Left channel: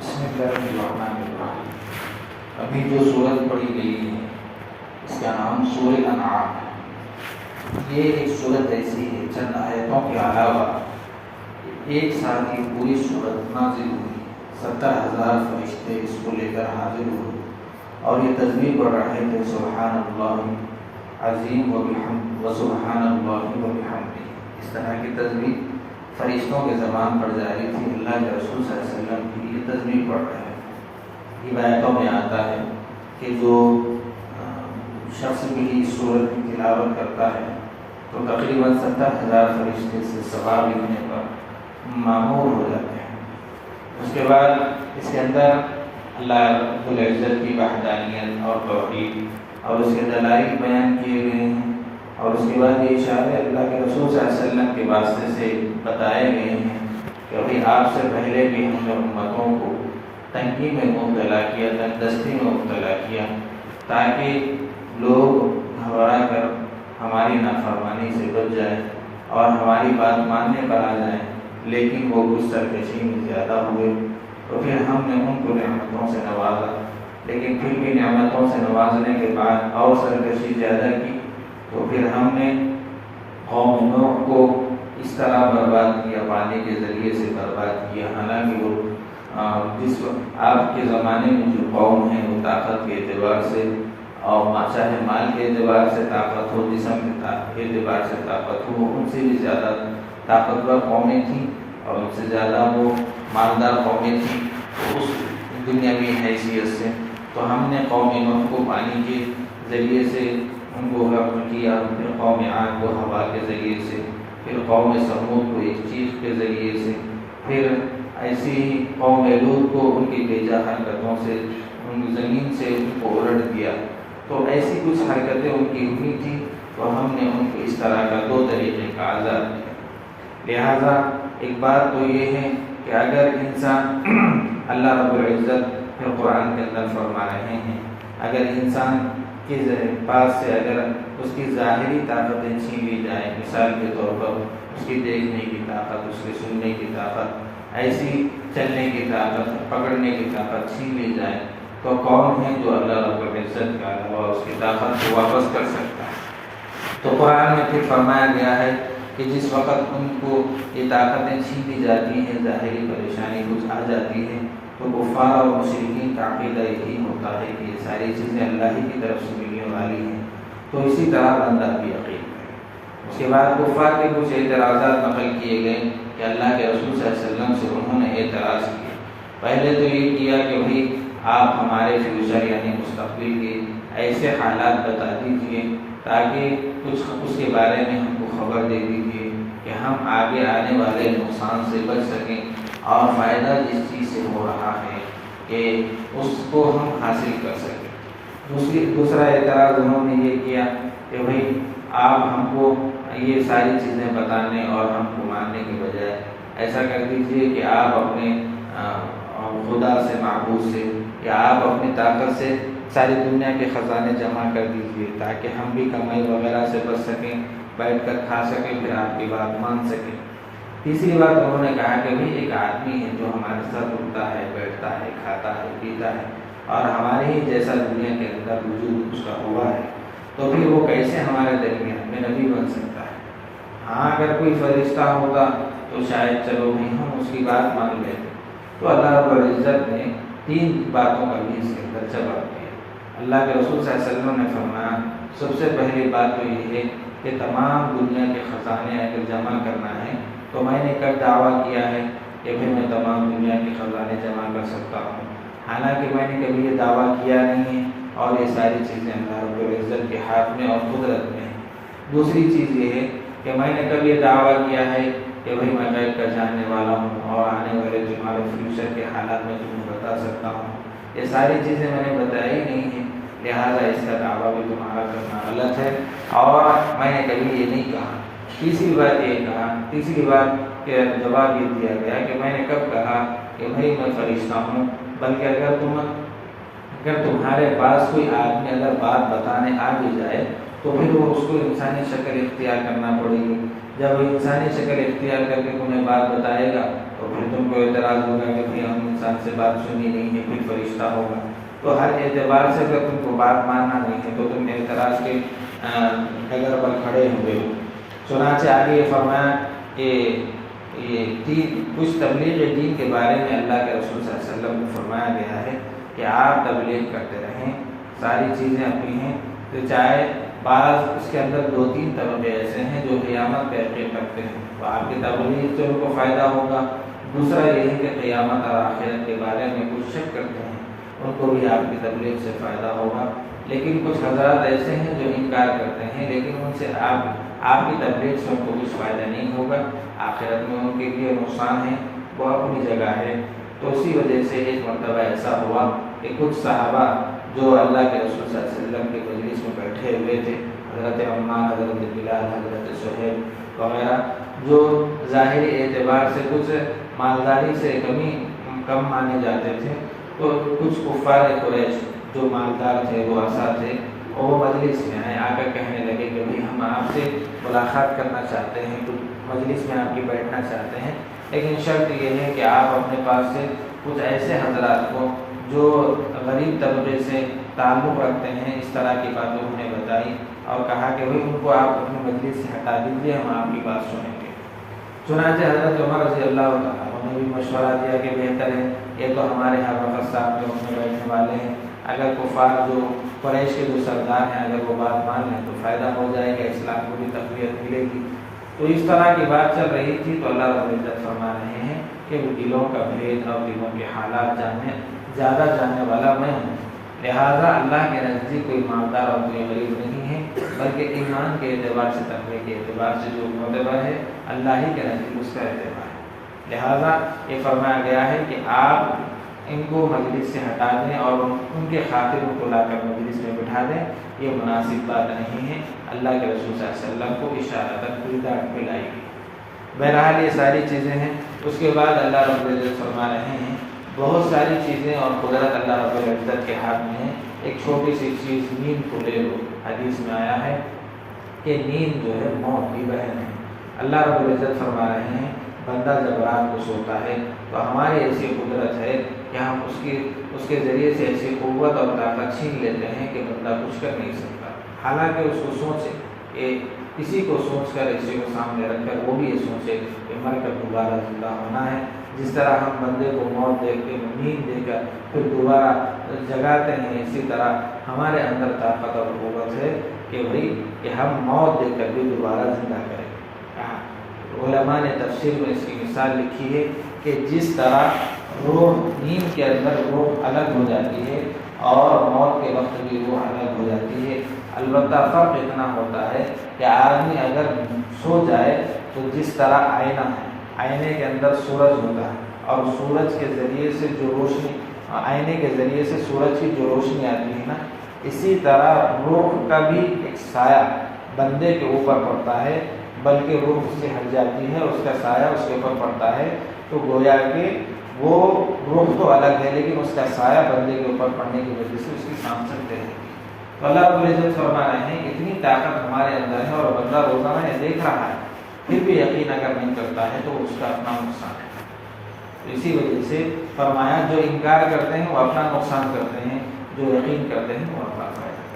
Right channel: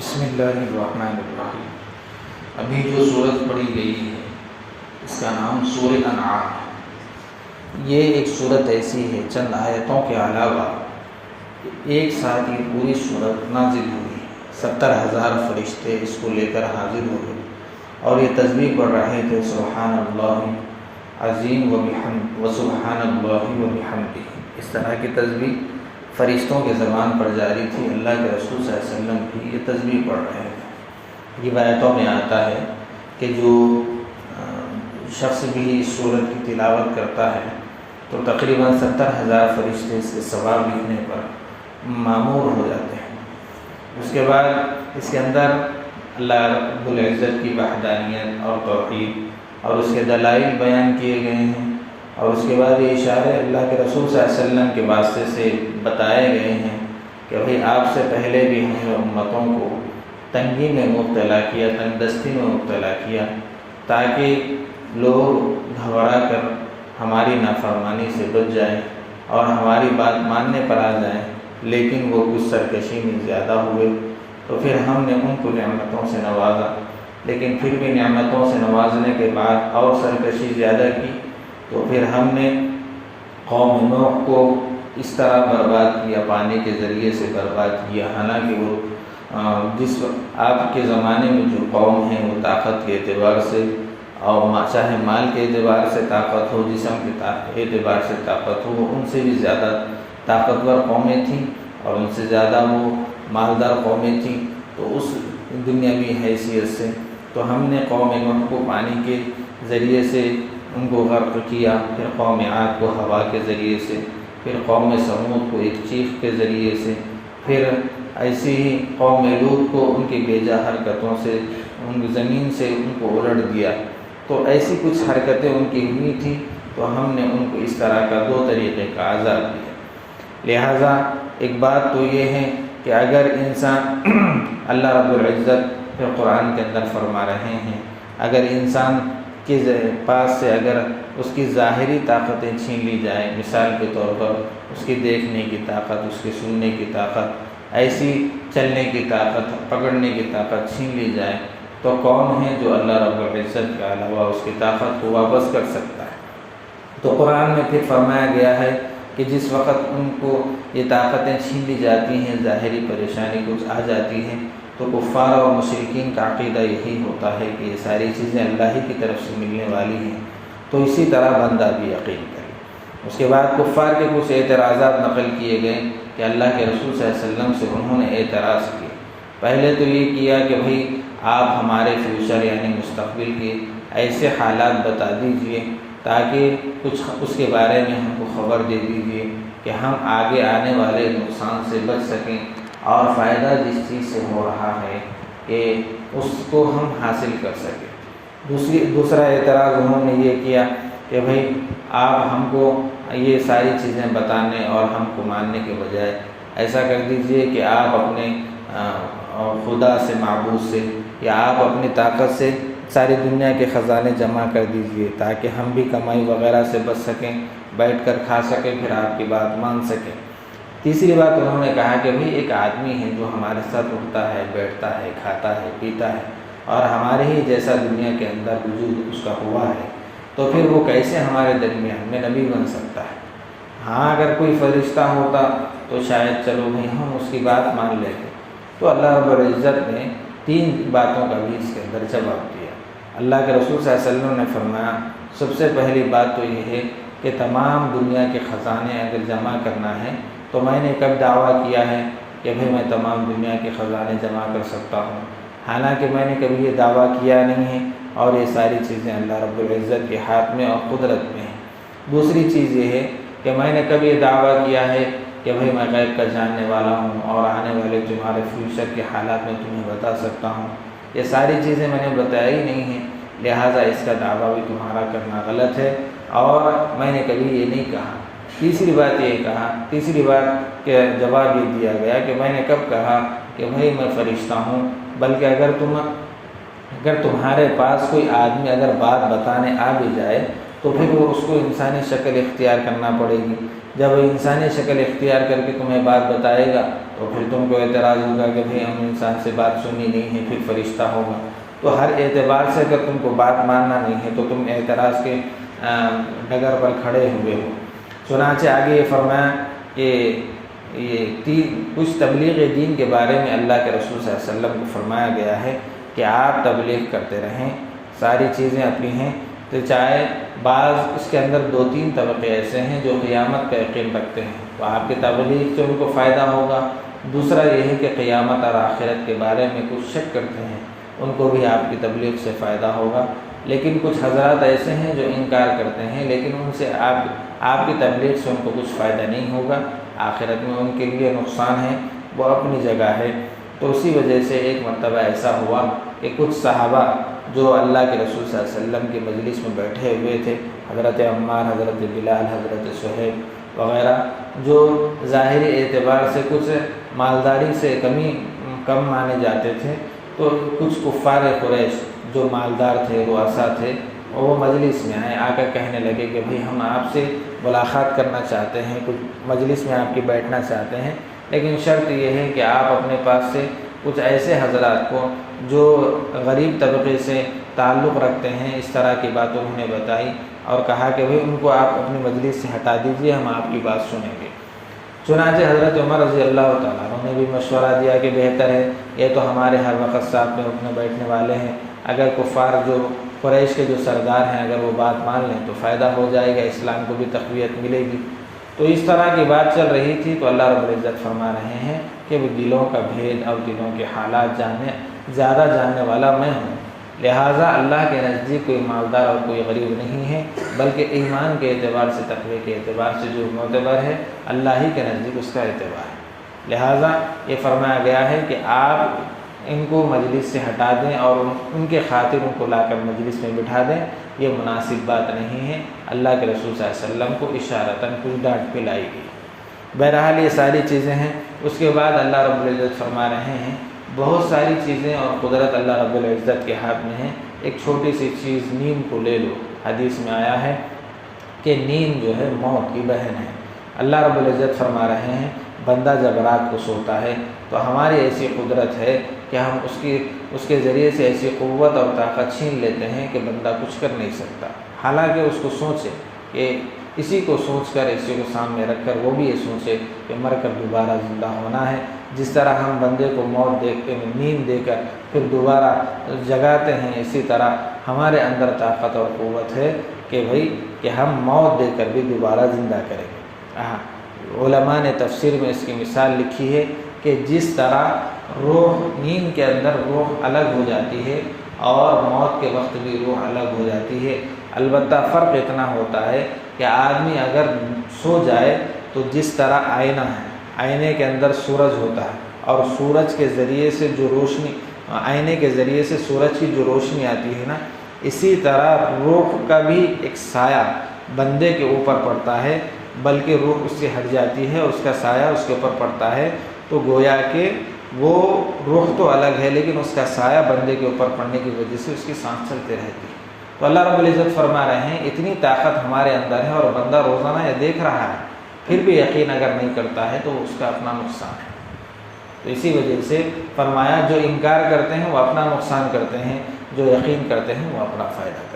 بسم اللہ الرحمن الرحیم۔ ابھی جو سورت پڑھی گئی ہے اس کا نام سورۃ انعام ہے۔ یہ ایک سورت ایسی ہے چند آیتوں کے علاوہ ایک سال کی پوری سورت نازل ہوئی، 70,000 فرشتے اس کو لے کر حاضر ہوئے اور یہ تسبیح پڑھ رہے تھے سبحان اللہ عظیم و سبحان اللہ و بحمدہ۔ اس طرح کی تسبیح فرشتوں کے زبان پر جاری تھی، اللہ کے رسول صلی اللہ علیہ وسلم بھی یہ تسبیح پڑھ رہے ہیں۔ یہ روایتوں میں آتا ہے کہ جو شخص بھی اس سورت کی تلاوت کرتا ہے تو تقریباً 70,000 فرشتے اس کے ثواب لکھنے پر مامور ہو جاتے ہیں۔ اس کے بعد اس کے اندر اللہ رب العزت کی وحدانیت اور توحید اور اس کے دلائل بیان کیے گئے ہیں، اور اس کے بعد یہ اشارے اللہ کے رسول صلی اللہ علیہ وسلم کے واسطے سے بتائے گئے ہیں کہ بھائی آپ سے پہلے بھی ہم نے امتوں کو تنگی میں مبتلا کیا، تنگ دستی میں مبتلا کیا، تاکہ لوگ گھبرا کر ہماری نافرمانی سے بچ جائیں اور ہماری بات ماننے پر آ جائیں، لیکن وہ کچھ سرکشی میں زیادہ ہوئے تو پھر ہم نے ان کو نعمتوں سے نوازا، لیکن پھر بھی نعمتوں سے نوازنے کے بعد اور سرکشی زیادہ کی تو پھر ہم نے قوم نوح کو اس طرح برباد کیا، پانی کے ذریعے سے برباد کیا۔ حالانکہ وہ جس آپ کے زمانے میں جو قوم ہیں وہ طاقت کے اعتبار سے اور چاہے مال کے اعتبار سے طاقت ہو، جسم کے اعتبار سے طاقت ہو، ان سے بھی زیادہ طاقتور قومیں تھیں اور ان سے زیادہ وہ مالدار قومیں تھیں، تو اس دنیاوی حیثیت سے تو ہم نے قوم نوح کو پانی کے ذریعے سے ان کو غرق کیا، پھر قوم عاد کو ہوا کے ذریعے سے، پھر قوم سمود کو ایک چیخ کے ذریعے سے، پھر ایسی ہی قوم لوط کو ان کی بیجا حرکتوں سے ان زمین سے ان کو الٹ دیا۔ تو ایسی کچھ حرکتیں ان کی ہوئی تھیں تو ہم نے ان کو اس طرح کا 2 طریقے کا عذاب دیا۔ لہٰذا ایک بات تو یہ ہے کہ اگر انسان اللہ رب العزت پھر قرآن کے اندر فرما رہے ہیں، اگر انسان کے پاس سے اگر اس کی ظاہری طاقتیں چھین لی جائیں، مثال کے طور پر اس کی دیکھنے کی طاقت، اس کے سننے کی طاقت، ایسی چلنے کی طاقت، پکڑنے کی طاقت چھین لی جائے تو کون ہے جو اللہ رب العزت کے علاوہ اس کی طاقت کو واپس کر سکتا ہے؟ تو قرآن میں پھر فرمایا گیا ہے کہ جس وقت ان کو یہ طاقتیں چھین لی جاتی ہیں، ظاہری پریشانی کچھ آ جاتی ہے، تو کفار اور مشرکین کا عقیدہ یہی ہوتا ہے کہ یہ ساری چیزیں اللہ ہی کی طرف سے ملنے والی ہیں، تو اسی طرح بندہ بھی یقین کرے۔ اس کے بعد کفار کے کچھ اعتراضات نقل کیے گئے کہ اللہ کے رسول صلی اللہ علیہ وسلم سے انہوں نے اعتراض کیا۔ پہلے تو یہ کیا کہ بھئی آپ ہمارے فیوچر یعنی مستقبل کے ایسے حالات بتا دیجئے تاکہ کچھ اس کے بارے میں ہم کو خبر دے دیجئے کہ ہم آگے آنے والے نقصان سے بچ سکیں اور فائدہ جس چیز سے ہو رہا ہے کہ اس کو ہم حاصل کر سکیں۔ دوسرا اعتراض انہوں نے یہ کیا کہ بھئی آپ ہم کو یہ ساری چیزیں بتانے اور ہم کو ماننے کے بجائے ایسا کر دیجئے کہ آپ اپنے خدا سے، معبود سے، یا آپ اپنی طاقت سے ساری دنیا کے خزانے جمع کر دیجئے تاکہ ہم بھی کمائی وغیرہ سے بچ سکیں، بیٹھ کر کھا سکیں، پھر آپ کی بات مان سکیں۔ تیسری بات انہوں نے کہا کہ بھئی ایک آدمی ہے جو ہمارے ساتھ اٹھتا ہے، بیٹھتا ہے، کھاتا ہے، پیتا ہے اور ہمارے ہی جیسا دنیا کے اندر وجود اس کا ہوا ہے، تو پھر وہ کیسے ہمارے درمیان میں نبی بن سکتا ہے؟ ہاں اگر کوئی فرشتہ ہوتا تو شاید چلو بھئی ہم اس کی بات مان لیتے۔ تو اللہ رب العزت نے 3 باتوں کا بھی اس کے اندر جواب دیا۔ اللہ کے رسول صلی اللہ علیہ وسلم نے فرمایا سب سے پہلی بات تو یہ ہے کہ تمام دنیا کے خزانے اگر جمع کرنا ہے تو میں نے کب دعویٰ کیا ہے کہ بھئی میں تمام دنیا کے خزانے جمع کر سکتا ہوں؟ حالانکہ میں نے کبھی یہ دعویٰ کیا نہیں ہے، اور یہ ساری چیزیں اللہ رب العزت کے ہاتھ میں اور قدرت میں ہیں۔ دوسری چیز یہ ہے کہ میں نے کبھی یہ دعویٰ کیا ہے کہ بھئی میں غیب کا جاننے والا ہوں اور آنے والے تمہارے فیوچر کے حالات میں تمہیں بتا سکتا ہوں، یہ ساری چیزیں میں نے بتائی نہیں ہیں، لہٰذا اس کا دعویٰ بھی تمہارا کرنا غلط ہے، اور میں نے کبھی یہ نہیں کہا۔ تیسری بات کہ جواب یہ دیا گیا کہ میں نے کب کہا کہ بھئی میں فرشتہ ہوں، بلکہ اگر تمہارے پاس کوئی آدمی اگر بات بتانے آ بھی جائے تو پھر وہ اس کو انسانی شکل اختیار کرنا پڑے گی، جب وہ انسانی شکل اختیار کر کے تمہیں بات بتائے گا تو پھر تم کو اعتراض ہوگا کہ بھئی ہم انسان سے بات سنی نہیں ہے، پھر فرشتہ ہوگا۔ تو ہر اعتبار سے اگر تم کو بات ماننا نہیں ہے تو تم اعتراض کے ڈگر پر کھڑے ہوئے ہو۔ چنانچہ آگے یہ فرمایا کہ کچھ تبلیغ دین کے بارے میں اللہ کے رسول صلی اللہ علیہ وسلم کو فرمایا گیا ہے کہ آپ تبلیغ کرتے رہیں، ساری چیزیں اپنی ہیں، تو چاہے بعض اس کے اندر 2-3 طبقے ایسے ہیں جو قیامت کا یقین رکھتے ہیں تو آپ کی تبلیغ سے ان کو فائدہ ہوگا۔ دوسرا یہ ہے کہ قیامت اور آخرت کے بارے میں کچھ شک کرتے ہیں، ان کو بھی آپ کی تبلیغ سے فائدہ ہوگا۔ لیکن کچھ حضرات ایسے ہیں جو انکار کرتے ہیں، لیکن ان سے آپ کی تبلیغ سے ان کو کچھ فائدہ نہیں ہوگا، آخرت میں ان کے لیے نقصان ہے، وہ اپنی جگہ ہے۔ تو اسی وجہ سے ایک مرتبہ ایسا ہوا کہ کچھ صحابہ جو اللہ کے رسول صلی اللہ علیہ وسلم کے مجلس میں بیٹھے ہوئے تھے، حضرت عمار، حضرت بلال، حضرت صہیب وغیرہ، جو ظاہری اعتبار سے کچھ مالداری سے کم مانے جاتے تھے، تو کچھ کفار قریش جو مالدار تھے، رؤسا تھے، وہ مجلس میں آئے، آ کر کہنے لگے کہ بھئی ہم آپ سے ملاقات کرنا چاہتے ہیں، تو مجلس میں آپ کی بیٹھنا چاہتے ہیں، لیکن شرط یہ ہے کہ آپ اپنے پاس سے کچھ ایسے حضرات کو جو غریب طبقے سے تعلق رکھتے ہیں، اس طرح کی باتوں انہیں بتائی اور کہا کہ ان کو آپ اپنے مجلس سے ہٹا دیجئے، ہم آپ کی بات سنیں گے۔ چنانچہ حضرت عمر رضی اللہ تعالیٰ عنہ نے بھی مشورہ دیا کہ بہتر ہے، یہ تو ہمارے ہر وقت صاحب میں اپنے بیٹھنے والے ہیں، اگر کفار جو قریش کے جو سردار ہیں اگر وہ بات مان لیں تو فائدہ ہو جائے گا، اسلام کو بھی تقویت ملے گی۔ تو اس طرح کی بات چل رہی تھی تو اللہ رب العزت فرما رہے ہیں کہ وہ دلوں کا بھید اور دلوں کے حالات زیادہ جاننے والا میں ہوں، لہٰذا اللہ کے نزدیک کوئی مالدار اور کوئی غریب نہیں ہے، بلکہ ایمان کے اعتبار سے، تقوی کے اعتبار سے جو معتبر ہے اللہ ہی کے نزدیک اس کا اعتبار ہے۔ لہٰذا یہ فرمایا گیا ہے کہ آپ ان کو مجلس سے ہٹا دیں اور ان کے خاطر ان کو لا کر مجلس میں بٹھا دیں، یہ مناسب بات نہیں ہے، اللہ کے رسول صلی اللہ علیہ وسلم کو اشارتاً کوئی ڈانٹ پلائی گئی۔ بہرحال یہ ساری چیزیں ہیں۔ اس کے بعد اللہ رب العزت فرما رہے ہیں بہت ساری چیزیں اور قدرت اللہ رب العزت کے ہاتھ میں ہے، ایک چھوٹی سی چیز نیند کو لے لو، حدیث میں آیا ہے کہ نیند جو ہے موت کی بہن ہے۔ اللہ رب العزت فرما رہے ہیں بندہ جب رات کو سوتا ہے تو ہماری ایسی قدرت ہے کہ ہم اس کے ذریعے سے ایسی قوت اور طاقت چھین لیتے ہیں کہ بندہ کچھ کر نہیں سکتا، حالانکہ اس کو سوچے کہ کسی کو سوچ کر، اسی کو سامنے رکھ کر وہ بھی یہ سوچے کہ مر کر دوبارہ زندہ ہونا ہے۔ جس طرح ہم بندے کو موت دیکھتے ہیں، نیند دے کر پھر دوبارہ جگاتے ہیں، اسی طرح ہمارے اندر طاقت اور قوت ہے کہ ہم موت دے کر بھی دوبارہ زندہ کریں گے۔ علماء نے تفسیر میں اس کی مثال لکھی ہے کہ جس طرح روح نیند کے اندر روح الگ ہو جاتی ہے اور موت کے وقت بھی روح الگ ہو جاتی ہے، البتہ فرق اتنا ہوتا ہے کہ آدمی اگر سو جائے تو جس طرح آئینہ ہے، آئینے کے اندر سورج ہوتا ہے اور سورج کے ذریعے سے جو روشنی، آئینے کے ذریعے سے سورج کی جو روشنی آتی ہے نا، اسی طرح روح کا بھی ایک سایہ بندے کے اوپر پڑتا ہے، بلکہ روح اس سے ہٹ جاتی ہے، اس کا سایہ اس کے اوپر پڑتا ہے، تو گویا کہ وہ روح تو الگ ہے لیکن اس کا سایہ بندے کے اوپر پڑنے کی وجہ سے اس کی سانس چلتے رہتی ہے۔ تو اللہ رب العزت فرما رہے ہیں اتنی طاقت ہمارے اندر ہے اور بندہ روزانہ یہ دیکھ رہا ہے، پھر بھی یقین اگر نہیں کرتا ہے تو اس کا اپنا نقصان ہے۔ تو اسی وجہ سے فرمایا جو انکار کرتے ہیں وہ اپنا نقصان کرتے ہیں، جو یقین کرتے ہیں وہ اپنا فائدہ۔